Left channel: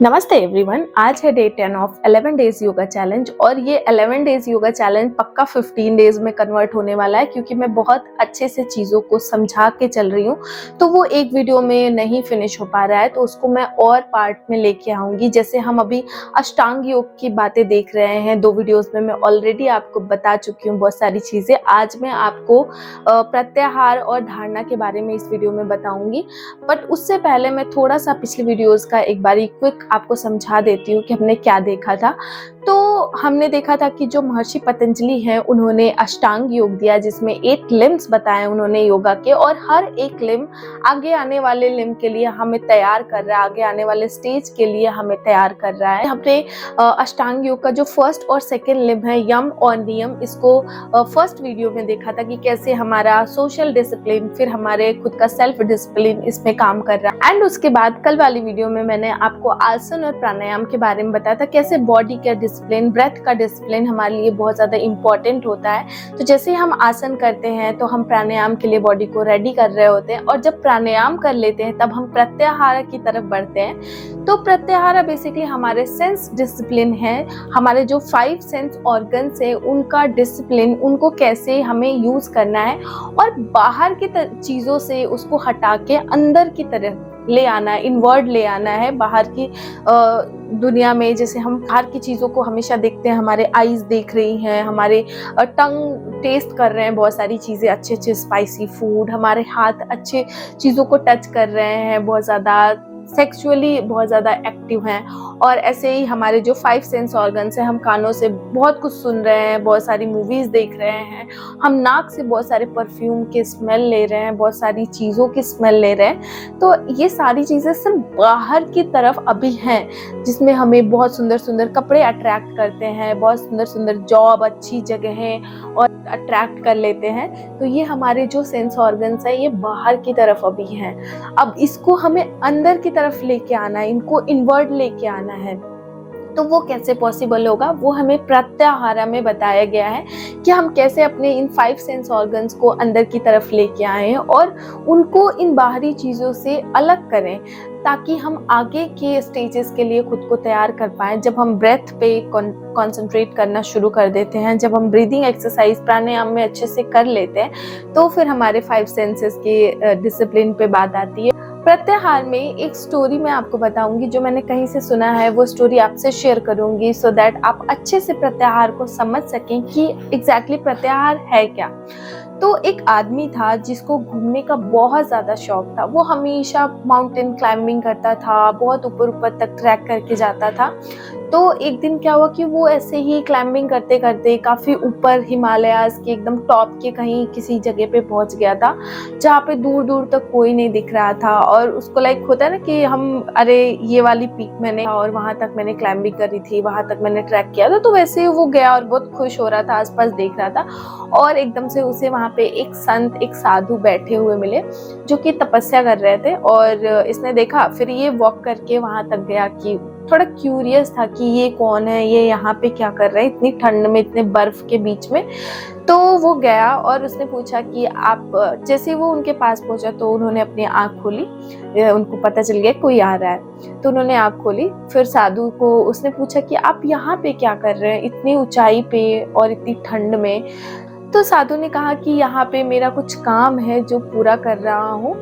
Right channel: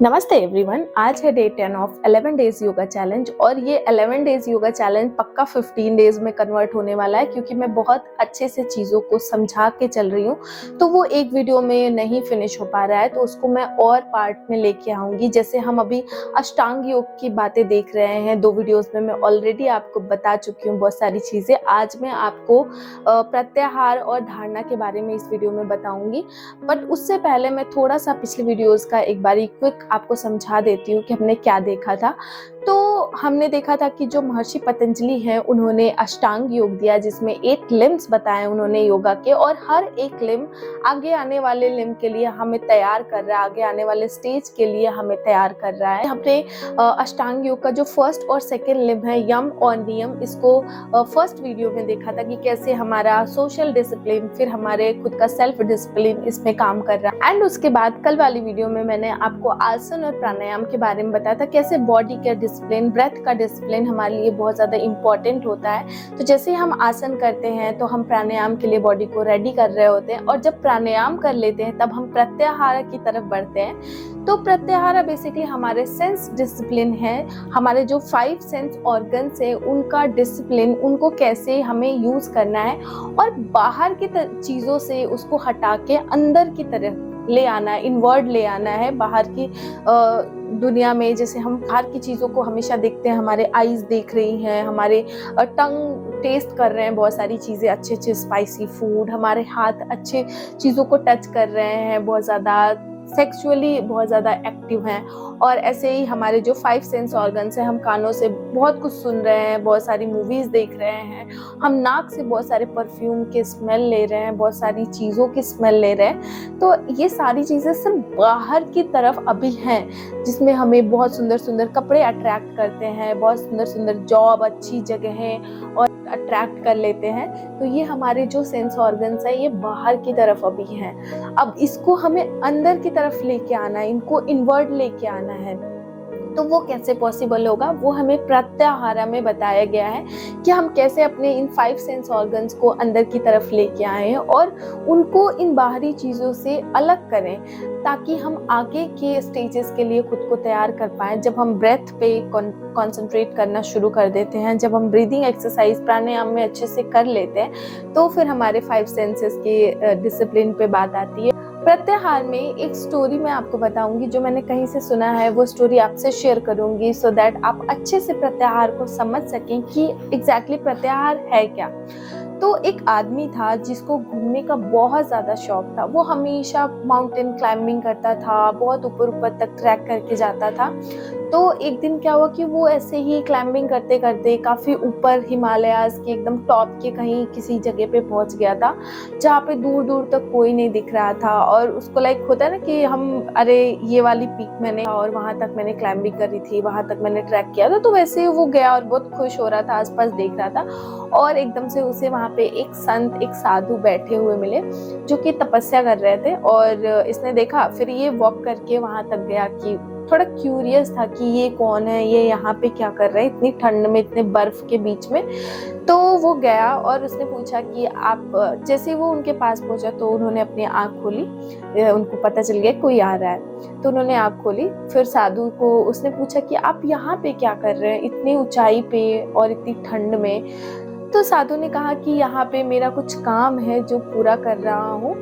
नमस्ते एवरीवन। आज है day 10 of 11 days yoga challenge और ये 11 डेज योगा चैलेंज पक्का 15 डेज में कन्वर्ट होने वाला है, क्योंकि मैं बहुत अच्छे से चीज़ों को समझा के चल रही हूँ। तो वो एक वीडियो में नहीं फिनिश हो पा रहा है, तो उसको मैं और पार्ट में लेके आऊँगी। जैसे हम अभी अष्टांग योग की बातें देख रहे हैं, 2 वीडियोज़ में मैं ऑलरेडी आपको बता चुकी हूँ बहुत सारी चीज़ें। आज मैं आपको प्रत्याहार और धारणा के बारे में इस वीडियो में बताऊँगी। बट उससे पहले मैं थोड़ा सा पिछली वीडियोज़ का एक बारी क्विक आपको समझा देती हूँ कि हमने क्या देखा था। तो हमने देखा था कि जो महर्षि पतंजलि हैं, उन्होंने अष्टांग योग दिया, जिसमें 8 लिम्स बताए उन्होंने योगा के, और हर एक लिम आगे आने वाले लिम के लिए हमें तैयार कर रहा है, आगे आने वाले स्टेज के लिए हमें तैयार कर रहा है। हमने अष्टांग योग का जो फर्स्ट और सेकेंड लिम है, यम और नियम, इसको फर्स्ट वीडियो में देखा था कि कैसे हमारा सोशल डिसिप्लिन, फिर हमारे खुद का सेल्फ डिसिप्लिन इसमें काम कर रहा है। एंड उसके बाद कल वाली वीडियो में मैंने आपको आसन और प्राणायाम के बारे में बताया था, कैसे बॉडी का डिसिप्लिन, ब्रेथ का डिसिप्लिन हमारे लिए बहुत ज़्यादा इंपॉर्टेंट होता है। तो जैसे हम आसन करते हैं तो हम प्राणायाम के लिए बॉडी को रेडी कर रहे होते हैं, और जब प्राणायाम कर लेते हैं तब हम प्रत्याहार की तरफ बढ़ते हैं। तो प्रत्याहार बेसिकली हमारे सेंस डिसिप्लिन है, हमारे जो 5 सेंस ऑर्गन्स है उनका डिसिप्लिन, उनको कैसे हमें यूज़ करना है और बाहर की चीज़ों से उसको हटा के अंदर की तरफ ले आना है, इनवर्ड ले आना है। बाहर की दुनिया में जैसे हम बाहर की चीज़ों को हमेशा देखते हैं, हमारे आईज देख रही हैं, हमारे टंग टेस्ट कर रहे हैं बहुत सारी चीज़ें, अच्छे अच्छे स्पाइसी फूड, हमारे हाथ अच्छे चीज़ों को टच कर रहे हैं, बहुत ज़्यादा सेक्सुअली बहुत ज़्यादा एक्टिव हैं। और ऐसे ही हमारे जो 5 सेंस ऑर्गन्स हैं, हम कानों से बहुत कुछ सुन रहे हैं, बहुत सारी मूवीज़ देख रहे हैं, हम नाक से बहुत सारे परफ्यूम की स्मेल ले रहे हैं, बहुत सारी चीज़ों की स्मेल ले रहे हैं। तो ये सारी चीज़ें सिर्फ बाहर की तरफ अभी हैं, जिसमें हमें बहुत सुंदर सुंदर कपड़े अट्रैक्ट करते हैं, बहुत सुंदर सुंदर जॉब, अच्छी जगहें और अट्रैक्ट कर लेते हैं। तो ये हमारे जो सेंस ऑर्गन्स हैं, ये बाहर की तरफ अभी हैं। अब इसको हमें अंदर की तरफ लेके आना है, इनको इनवर्ड लेके आना है। तो वो कैसे पॉसिबल होगा, वो हमें प्रत्याहार में बताया गया है कि हम कैसे अपने इन 5 सेंस ऑर्गन्स को अंदर की तरफ लेके आए और उनको इन बाहरी चीज़ों से अलग करें, ताकि हम आगे के स्टेजेस के लिए खुद को तैयार कर पाएँ। जब हम ब्रेथ पे कॉन्सेंट्रेट करना शुरू कर देते हैं, जब हम ब्रीदिंग एक्सरसाइज प्राणायाम में अच्छे से कर लेते हैं, तो फिर हमारे 5 सेंसेस के डिसिप्लिन पे बात आती है। प्रत्याहार में एक स्टोरी मैं आपको बताऊंगी, जो मैंने कहीं से सुना है, वो स्टोरी आपसे शेयर करूंगी, सो दैट आप अच्छे से प्रत्याहार को समझ सकें कि एग्जैक्टली प्रत्याहार है क्या। तो एक आदमी था जिसको घूमने का बहुत ज़्यादा शौक था। वो हमेशा माउंटेन क्लाइंबिंग करता था, बहुत ऊपर ऊपर तक ट्रैक करके जाता था। तो एक दिन क्या हुआ कि वो ऐसे ही क्लाइंबिंग करते करते काफ़ी ऊपर हिमालयाज़ के एकदम टॉप के कहीं किसी जगह पे पहुंच गया था, जहाँ पे दूर दूर तक कोई नहीं दिख रहा था। और उसको लाइक होता है ना कि हम, अरे ये वाली पीक मैंने, और वहाँ तक मैंने क्लाइंबिंग करी थी, वहाँ तक मैंने ट्रैक किया था। तो वैसे वो गया और बहुत खुश हो रहा था, आसपास देख रहा था, और एकदम से उसे वहाँ पे एक संत, एक साधु बैठे हुए मिले, जो कि तपस्या कर रहे थे। और इसने देखा, फिर ये वॉक करके वहाँ तक गया कि थोड़ा क्यूरियस था कि ये कौन है, ये यहाँ पे क्या कर रहे हैं इतनी ठंड में, इतने बर्फ के बीच में। तो वो गया और उसने पूछा कि आप, जैसे वो उनके पास पहुंचा तो उन्होंने अपनी आँख खोली, उनको पता चल गया कोई आ रहा है। तो उन्होंने आँख खोली, फिर साधु को उसने पूछा कि आप यहाँ पे क्या कर रहे हैं इतनी ऊंचाई पे और इतनी ठंड में। तो साधु ने कहा कि यहाँ पे मेरा कुछ काम है जो पूरा कर रहा हूँ।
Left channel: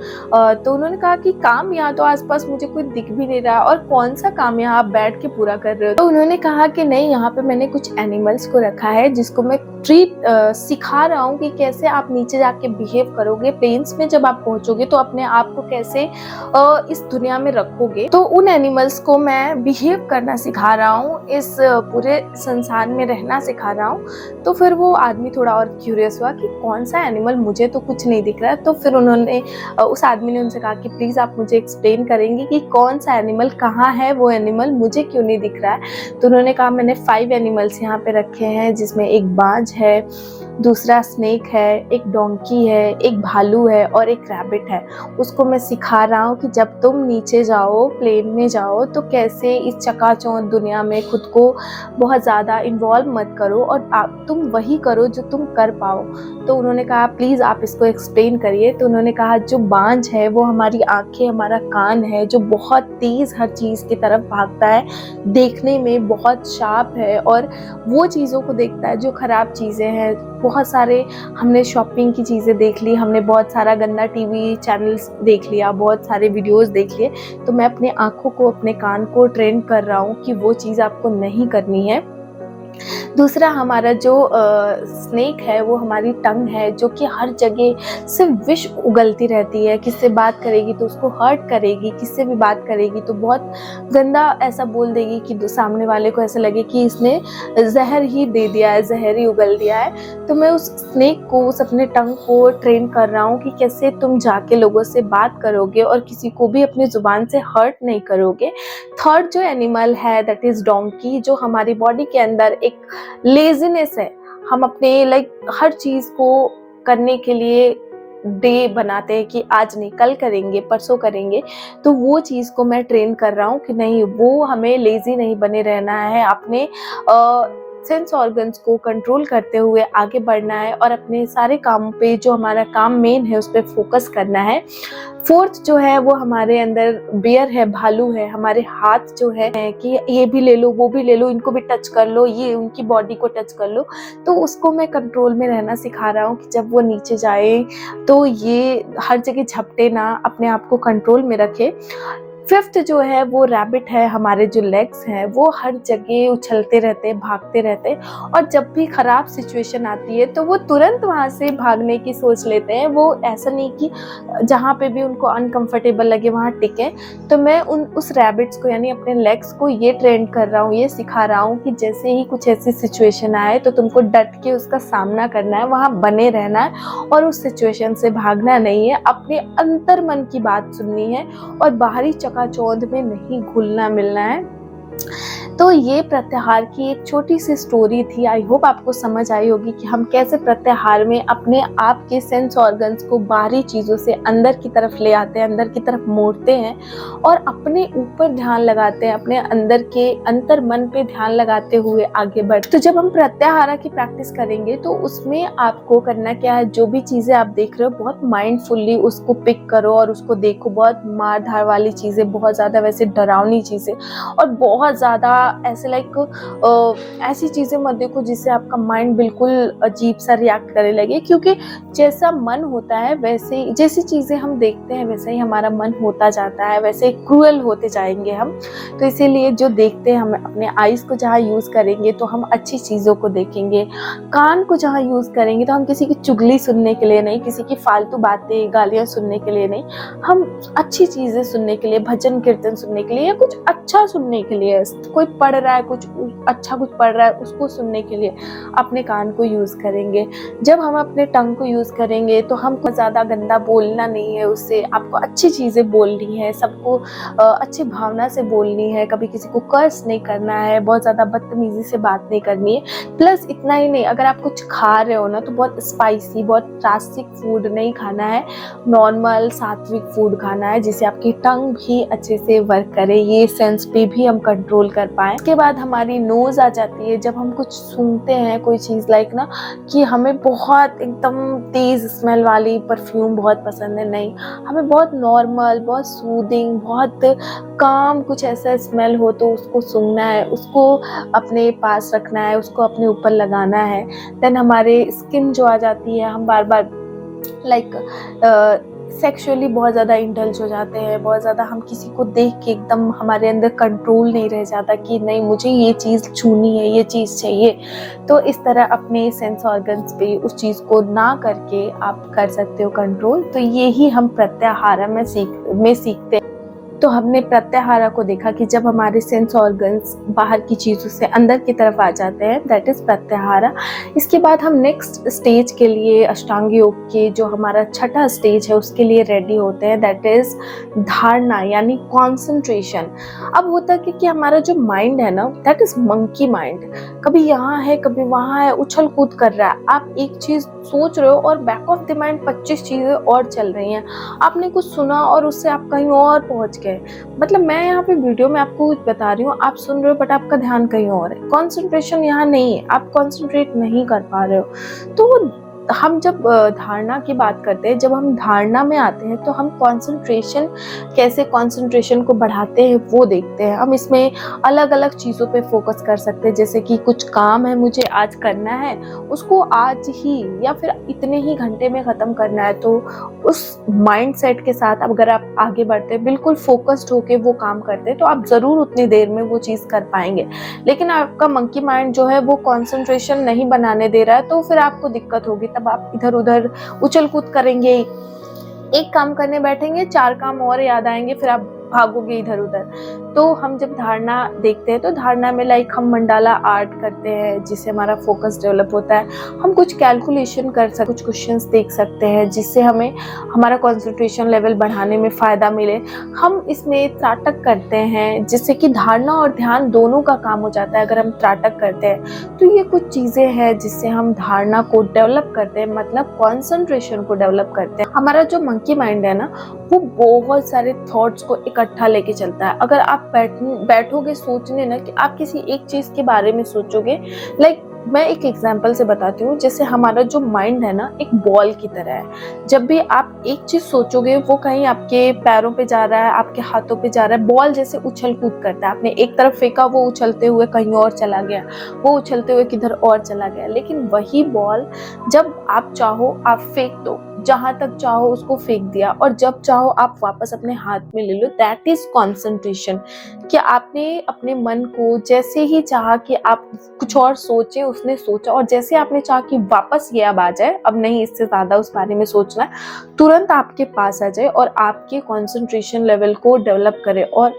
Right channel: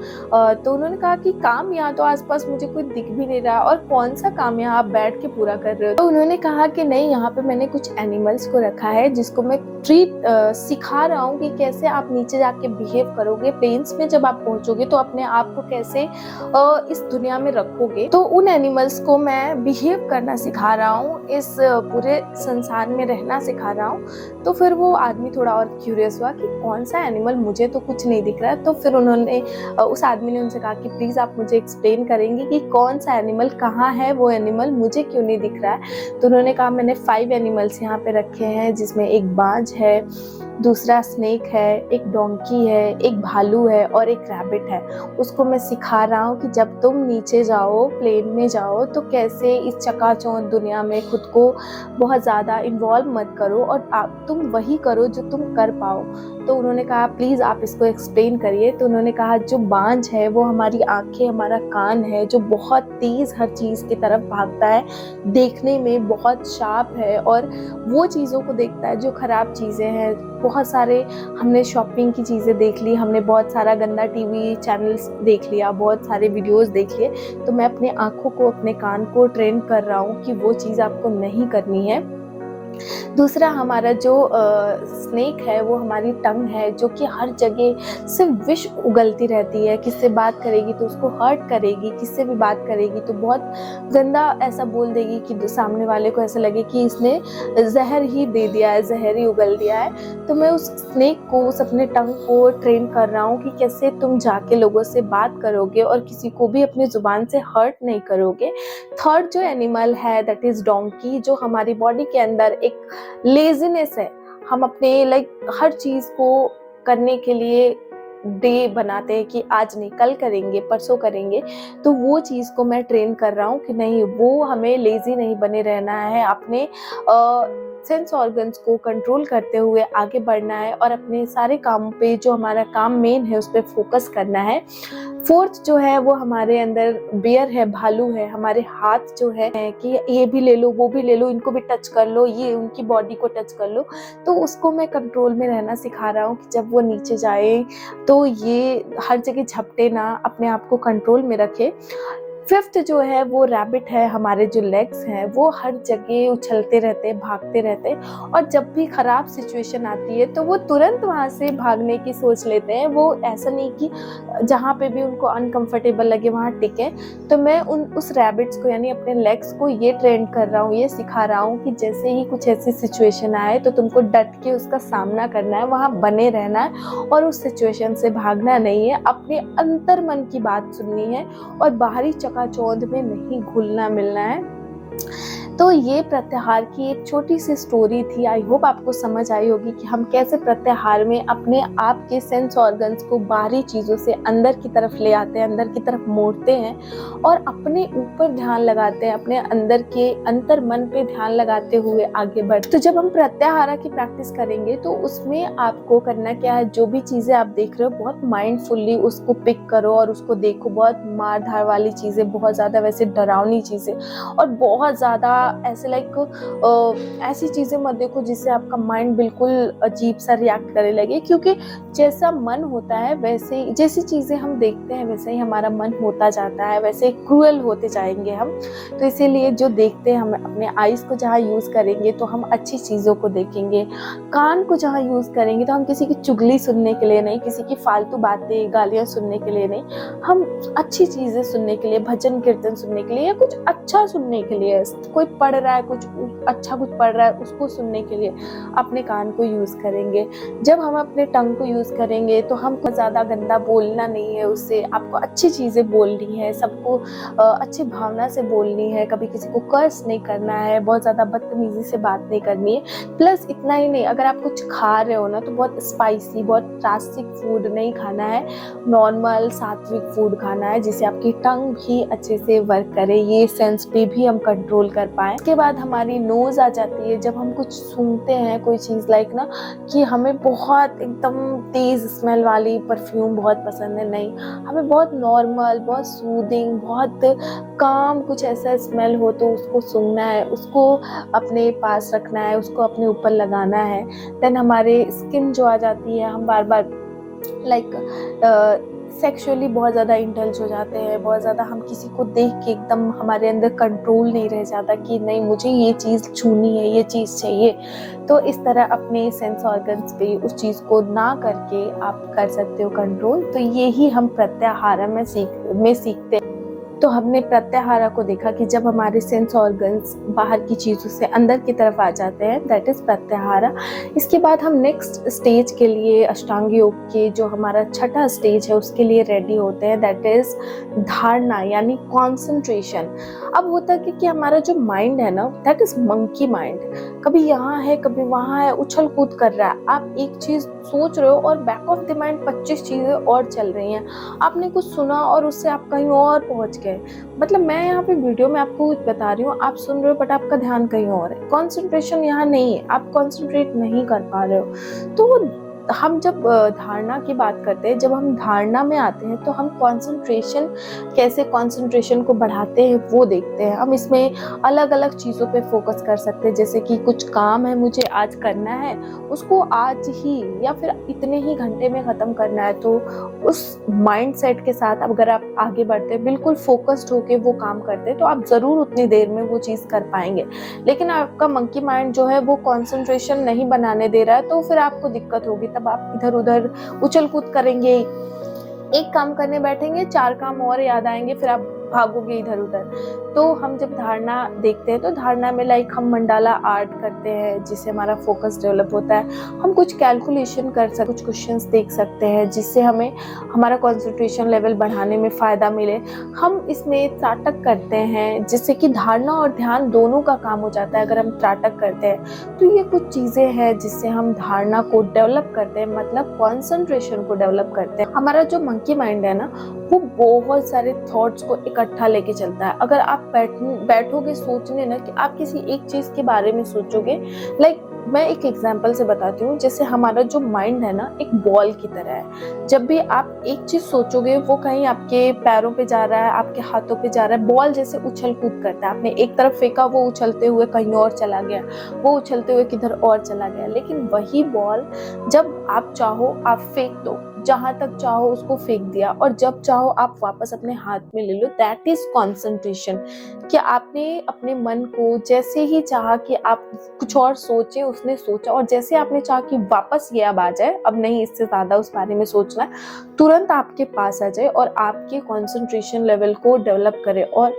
तो उन्होंने कहा कि काम, यहाँ तो आसपास मुझे कोई दिख भी नहीं रहा, और कौन सा काम यहाँ आप बैठ के पूरा कर रहे हो। तो उन्होंने कहा कि नहीं, यहाँ पे मैंने कुछ एनिमल्स को रखा है जिसको मैं ट्रीट सिखा रहा हूँ कि कैसे आप नीचे जाके बिहेव करोगे, प्लेन्स में जब आप पहुँचोगे तो अपने आप को कैसे इस दुनिया में रखोगे। तो उन एनिमल्स को मैं बिहेव करना सिखा रहा हूँ, इस पूरे संसार में रहना सिखा रहा हूँ। तो फिर वो आदमी थोड़ा और क्यूरियस हुआ कि कौन सा एनिमल, मुझे तो कुछ नहीं दिख रहा है। तो फिर उन्होंने, उस आदमी ने उनसे कहा कि प्लीज़ आप मुझे एक्सप्लेन करेंगे कि कौन सा एनिमल, कहाँ है वो एनिमल, मुझे क्यों नहीं दिख रहा है। तो उन्होंने कहा मैंने 5 एनिमल्स यहाँ पे रखे हैं, जिसमें एक बाज है, दूसरा स्नेक है, एक डोंकी है, एक भालू है और एक रैबिट है। उसको मैं सिखा रहा हूँ कि जब तुम नीचे जाओ, प्लेन में जाओ, तो कैसे इस चकाचौंध दुनिया में खुद को बहुत ज़्यादा इन्वॉल्व मत करो, और तुम वही करो जो तुम कर कर पाओ। तो उन्होंने कहा प्लीज़ आप इसको एक्सप्लेन करिए। तो उन्होंने कहा जो बांझ है वो हमारी आँखें, हमारा कान है जो बहुत तेज़ हर चीज़ की तरफ भागता है, देखने में बहुत शार्प है और वो चीज़ों को देखता है जो ख़राब चीज़ें हैं। बहुत सारे हमने शॉपिंग की चीज़ें देख ली, हमने बहुत सारा गंदा टीवी चैनल्स देख लिया, बहुत सारे वीडियोज़ देख लिए। तो मैं अपने आँखों को, अपने कान को ट्रेन कर रहा हूँ कि वो चीज़ आपको नहीं करनी है। दूसरा हमारा जो स्नेक है वो हमारी टंग है जो कि हर जगह सिर्फ विष उगलती रहती है। किससे बात करेगी तो उसको हर्ट करेगी, किससे भी बात करेगी तो बहुत गंदा ऐसा बोल देगी कि सामने वाले को ऐसा लगे कि इसने जहर ही दे दिया है, जहर ही उगल दिया है। तो मैं उस स्नेक को, उस अपने टंग को ट्रेन कर रहा हूँ कि कैसे तुम जाके लोगों से बात करोगे और किसी को भी अपनी ज़ुबान से हर्ट नहीं करोगे। थर्ड जो एनिमल है दैट इज़ डोंकी, जो हमारी बॉडी के अंदर एक लेजीनेस है। हम अपने हर चीज़ को करने के लिए डे बनाते हैं कि आज नहीं, कल करेंगे, परसों करेंगे। तो वो चीज़ को मैं ट्रेन कर रहा हूँ कि नहीं, वो हमें लेज़ी नहीं बने रहना है, अपने सेंस ऑर्गन्स को कंट्रोल करते हुए आगे बढ़ना है और अपने सारे काम पे, जो हमारा काम मेन है, उस पर फोकस करना है। फोर्थ जो है वो हमारे अंदर बियर है, भालू है। हमारे हाथ जो है कि ये भी ले लो, वो भी ले लो, इनको भी टच कर लो, ये उनकी बॉडी को टच कर लो। तो उसको मैं कंट्रोल में रहना सिखा रहा हूँ कि जब वो नीचे जाए तो ये हर जगह झपटे ना, अपने आप को कंट्रोल में रखे। फिफ्थ जो है वो रैबिट है। हमारे जो लेग्स हैं वो हर जगह उछलते रहते हैं, भागते रहते हैं और जब भी ख़राब सिचुएशन आती है तो वो तुरंत वहाँ से भागने की सोच लेते हैं। वो ऐसा नहीं कि जहाँ पे भी उनको अनकंफर्टेबल लगे वहाँ टिके। तो मैं उस रैबिट्स को, यानी अपने लेग्स को ये ट्रेन कर रहा हूँ, ये सिखा रहा हूँ कि जैसे ही कुछ ऐसी सिचुएशन आए तो तुमको डट के उसका सामना करना है, वहाँ बने रहना है और उस सिचुएशन से भागना नहीं है। अपने अंतर मन की बात सुननी है और बाहरी चकाचौंध में नहीं घुलना मिलना है। तो ये प्रत्याहार की एक छोटी सी स्टोरी थी। आई होप आपको समझ आई होगी कि हम कैसे प्रत्याहार में अपने आप के सेंस ऑर्गन्स को बाहरी चीज़ों से अंदर की तरफ ले आते हैं, अंदर की तरफ मोड़ते हैं और अपने ऊपर ध्यान लगाते हैं, अपने अंदर के अंतर मन पे ध्यान लगाते हुए आगे बढ़ते। तो जब हम प्रत्याहार की प्रैक्टिस करेंगे तो उसमें आपको करना क्या है, जो भी चीज़ें आप देख रहे हो बहुत माइंडफुली उसको पिक करो और उसको देखो। बहुत मार धार वाली चीज़ें, बहुत ज़्यादा वैसे डरावनी चीज़ें और बहुत ज़्यादा ऐसे ऐसी चीज़ें मत देखो जिससे आपका माइंड बिल्कुल अजीब सा रिएक्ट करने लगे, क्योंकि जैसा मन होता है वैसे ही, जैसी चीज़ें हम देखते हैं वैसे ही हमारा मन होता जाता है, वैसे क्रूअल होते जाएंगे हम। तो इसीलिए जो देखते हैं, हम अपने आइज़ को जहाँ यूज़ करेंगे तो हम अच्छी चीज़ों को देखेंगे, कान को जहाँ यूज़ करेंगे तो हम किसी की चुगली सुनने के लिए नहीं, किसी की फालतू बातें, गालियाँ सुनने के लिए नहीं, हम अच्छी चीज़ें सुनने के लिए, भजन कीर्तन सुनने के लिए या कुछ अच्छा सुनने के लिए, कोई पढ़ रहा है कुछ अच्छा, कुछ पढ़ रहा है उसको सुनने के लिए अपने कान को यूज़ करेंगे। जब हम अपने टंग को यूज़ करेंगे तो हमको ज़्यादा गंदा बोलना नहीं है, उससे आपको अच्छी चीज़ें बोलनी है, सबको अच्छी भावना से बोलनी है, कभी किसी को कर्स नहीं करना है, बहुत ज़्यादा बदतमीज़ी से बात नहीं करनी है। प्लस इतना ही नहीं, अगर आप कुछ खा रहे हो ना तो बहुत स्पाइसी, बहुत ड्रास्टिक फूड नहीं खाना है, नॉर्मल सात्विक फूड खाना है जिससे आपकी टंग भी अच्छे से वर्क करे, ये सेंस पे भी हम कंट्रोल कर पाए। इसके बाद हमारी नोज़ आ जाती है। जब हम कुछ सूंघते हैं कोई चीज़ ना कि हमें बहुत एकदम तेज़ स्मेल वाली परफ्यूम बहुत पसंद है, नहीं, हमें बहुत नॉर्मल, बहुत सूदिंग, बहुत काम कुछ ऐसा स्मेल हो तो उसको सूंघना है, उसको अपने पास रखना है, उसको अपने ऊपर लगाना है। देन हमारे स्किन जो आ जाती है, हम बार बार सेक्सुअली बहुत ज़्यादा इंडल्ज हो जाते हैं, बहुत ज़्यादा हम किसी को देख के एकदम हमारे अंदर कंट्रोल नहीं रह जाता कि नहीं मुझे ये चीज़ छूनी है, ये चीज़ चाहिए। तो इस तरह अपने सेंस ऑर्गन्स पे उस चीज़ को ना करके आप कर सकते हो कंट्रोल। तो ये ही हम प्रत्याहार में सीखते हैं। तो हमने प्रत्याहार को देखा कि जब हमारे सेंस ऑर्गन्स बाहर की चीज़ों से अंदर की तरफ आ जाते हैं, दैट इज़ प्रत्याहार। इसके बाद हम नेक्स्ट स्टेज के लिए, अष्टांग योग के जो हमारा छठा स्टेज है उसके लिए रेडी होते हैं, दैट इज़ धारणा, यानी कॉन्सेंट्रेशन। अब होता है कि हमारा जो माइंड है ना, दैट इज़ मंकी माइंड, कभी यहाँ है कभी वहाँ है, उछल कूद कर रहा है। आप एक चीज़ सोच रहे हो और बैक ऑफ द माइंड 25 चीज़ें और चल रही हैं। आपने कुछ सुना और उससे आप कहीं और पहुँच गए। मतलब मैं यहाँ पे वीडियो में आपको बता रही हूँ, आप सुन रहे हो बट आपका ध्यान कहीं और है, कंसंट्रेशन यहाँ नहीं है, आप कंसंट्रेट नहीं कर पा रहे हो। तो हम जब धारणा की बात करते हैं, जब हम धारणा में आते हैं तो हम कंसंट्रेशन, कैसे कंसंट्रेशन को बढ़ाते हैं वो देखते हैं। हम इसमें अलग अलग चीज़ों पे फोकस कर सकते हैं, जैसे कि कुछ काम है मुझे आज करना है, उसको आज ही या फिर इतने ही घंटे में ख़त्म करना है, तो उस माइंडसेट के साथ अगर आप आगे बढ़ते हैं, बिल्कुल फोकस्ड होके वो काम करते हैं, तो आप ज़रूर उतनी देर में वो चीज़ कर पाएंगे। लेकिन आपका मंकी माइंड जो है वो कंसंट्रेशन नहीं बनाने दे रहा है, तो फिर आपको दिक्कत होगी। तब आप इधर उधर उछल कूद करेंगे, एक काम करने बैठेंगे, 4 काम और याद आएंगे, फिर आप भागोगे इधर उधर। तो हम जब धारणा देखते हैं तो धारणा में लाइक हम मंडाला आर्ट करते हैं, जिससे हमारा फोकस डेवलप होता है। हम कुछ कैलकुलेशन कर सकते, कुछ क्वेश्चंस देख सकते हैं, जिससे हमें हमारा कंसंट्रेशन लेवल बढ़ाने में फ़ायदा मिले। हम इसमें त्राटक करते हैं, जिससे कि धारणा और ध्यान दोनों का काम हो जाता है अगर हम त्राटक करते हैं। तो ये कुछ चीज़ें हैं जिससे हम धारणा को डेवलप करते हैं, मतलब कॉन्सेंट्रेशन को डेवलप करते हैं। हमारा जो मंकी माइंड है ना, वो बहुत सारे थॉट्स को इकट्ठा लेके चलता है। अगर आप बैठोगे सोचने ना, कि आप किसी एक चीज़ के बारे में सोचोगे, लाइक मैं एक एग्जांपल से बताती हूँ। जैसे हमारा जो माइंड है ना, एक बॉल की तरह है। जब भी आप एक चीज़ सोचोगे, वो कहीं आपके पैरों पे जा रहा है, आपके हाथों पे जा रहा है, बॉल जैसे उछल कूद करता है। आपने एक तरफ फेंका, वो उछलते हुए कहीं और चला गया, वो उछलते हुए किधर और चला गया। लेकिन वही बॉल जब आप चाहो आप फेंक दो, जहां तक चाहो उसको फेंक दिया, और जब चाहो आप वापस अपने हाथ में ले लो। That is concentration. कि आपने अपने मन को जैसे ही चाहा कि आप कुछ और सोचे, उसने सोचा, और जैसे आपने चाहा कि वापस ये अब आ जाए, अब नहीं इससे ज्यादा उस बारे में सोचना है, तुरंत आपके पास आ जाए और आपके कॉन्सेंट्रेशन लेवल को डेवलप करे, और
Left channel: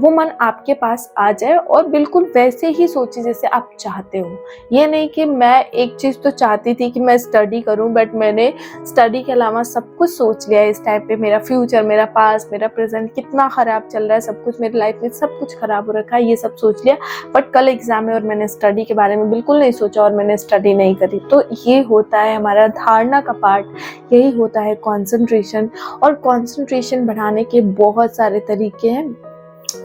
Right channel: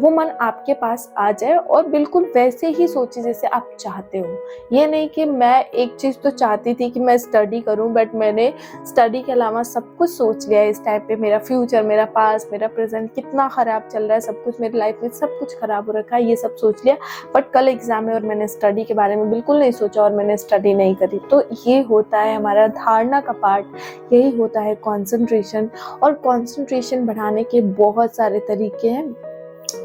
वो मन आपके पास आ जाए और बिल्कुल वैसे ही सोचे जैसे आप चाहते हो। ये नहीं कि मैं एक चीज़ तो चाहती थी कि मैं स्टडी करूं, बट मैंने स्टडी के अलावा सब कुछ सोच लिया है। इस टाइम पे मेरा फ्यूचर, मेरा पास्ट, मेरा प्रेजेंट कितना ख़राब चल रहा है, सब कुछ मेरी लाइफ में सब कुछ ख़राब हो रखा है, ये सब सोच लिया। बट कल एग्ज़ाम है और मैंने स्टडी के बारे में बिल्कुल नहीं सोचा और मैंने स्टडी नहीं करी। तो ये होता है हमारा धारणा का पार्ट, यही होता है कॉन्सेंट्रेशन। और कॉन्सेंट्रेशन बढ़ाने के बहुत सारे तरीके हैं।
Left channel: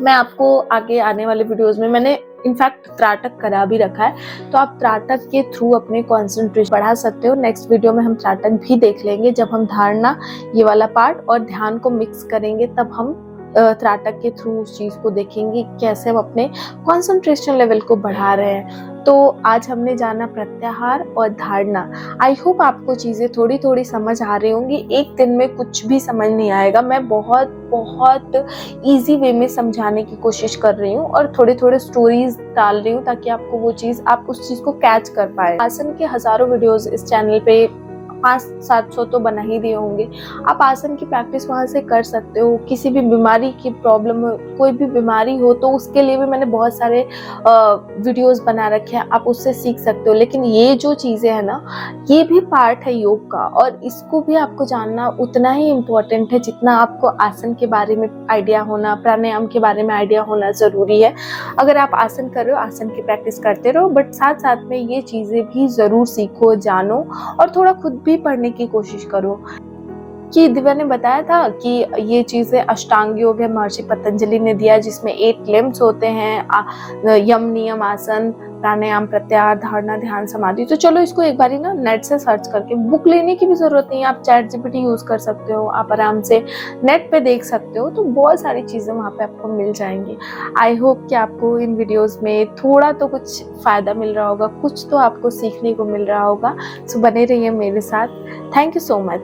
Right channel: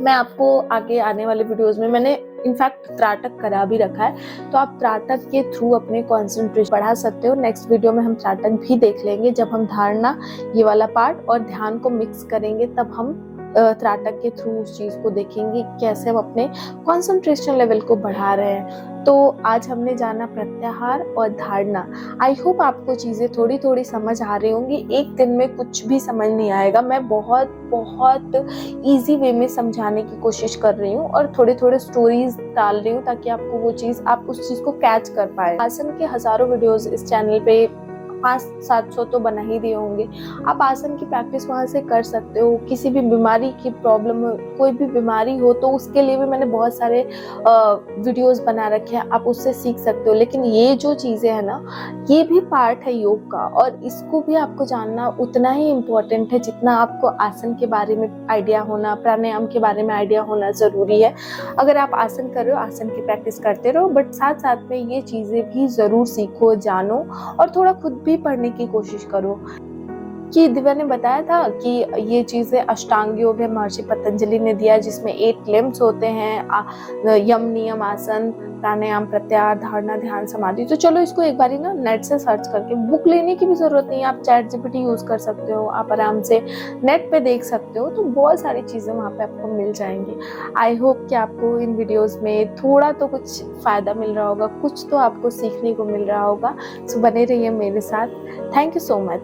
मैं आपको आगे आने वाले वीडियोस में, मैंने इनफैक्ट त्राटक करा भी रखा है, तो आप त्राटक के थ्रू अपने कंसंट्रेशन बढ़ा सकते हो। नेक्स्ट वीडियो में हम त्राटक भी देख लेंगे, जब हम धारणा, ये वाला पार्ट और ध्यान को मिक्स करेंगे, तब हम त्राटक के थ्रू उस चीज़ को देखेंगे कैसे हम अपने कंसंट्रेशन लेवल को बढ़ा रहे हैं। तो आज हमने जाना प्रत्याहार और धारणा। आई होप आपको चीज़ें थोड़ी थोड़ी समझ आ रही होंगी। एक दिन में कुछ भी समझ नहीं आएगा, मैं बहुत बहुत ईजी वे में समझाने की कोशिश कर रही हूँ और थोड़े थोड़े स्टोरीज डाल रही हूँ, ताकि आपको वो चीज़, आप उस चीज़ को कैच कर पाए। आसन के हज़ारों वीडियोस इस चैनल पे 500-700 तो बना ही दिए होंगे। आप आसन की प्रैक्टिस वहाँ से कर सकते हो। किसी भी बीमारी की प्रॉब्लम हो, कोई भी बीमारी हो, तो उसके लिए भी मैंने बहुत सारे वीडियोस बना रखे हैं, आप उससे सीख सकते हो। लेकिन ये जो चीज़ें हैं ना, ये भी पार्ट है योग का, और इसको भी आपको जानना उतना ही इम्पोर्टेंट है जितना आपको आसन के बारे में आइडिया होना, प्राणायाम के बारे में आइडिया होना ज़रूरी है। अगर आप आसन कर रहे हो, आसन की प्रैक्टिस करते रहो, बट साथ साथ में ये चीज़ें भी ज़रूर सीखो, जानो, और थोड़ा खुद भी पढ़ने की कोशिश करो। कि दिव्या ने बताया था कि ये चीज़ें अष्टांग योग है, महर्षि पतंजलि ने दिया, जिसमें 8 लिम्स होते हैं, यम, नियम, आसन, प्राणायाम, प्रत्याहार, धारणा, ध्यान, समाधि। तो चलो इसको एक बारी ना नेट से सर्च करके, बुक लेने की भी जरूरत नहीं है, आप चैट जीपीटी यूज कर सकते हो, आप आराम से नेट पे देख सकते हो, तो बहुत सारी चीज़ें वहाँ पे आपको मिल जाएंगी। आई होप कि आपको इन वीडियोस में थोड़ा तो कुछ फ़ायदा मिल रहा होगा, कुछ तो आपको सीखने को मिल रहा होगा। सो बने रहिए मेरे साथ। Thank you so much.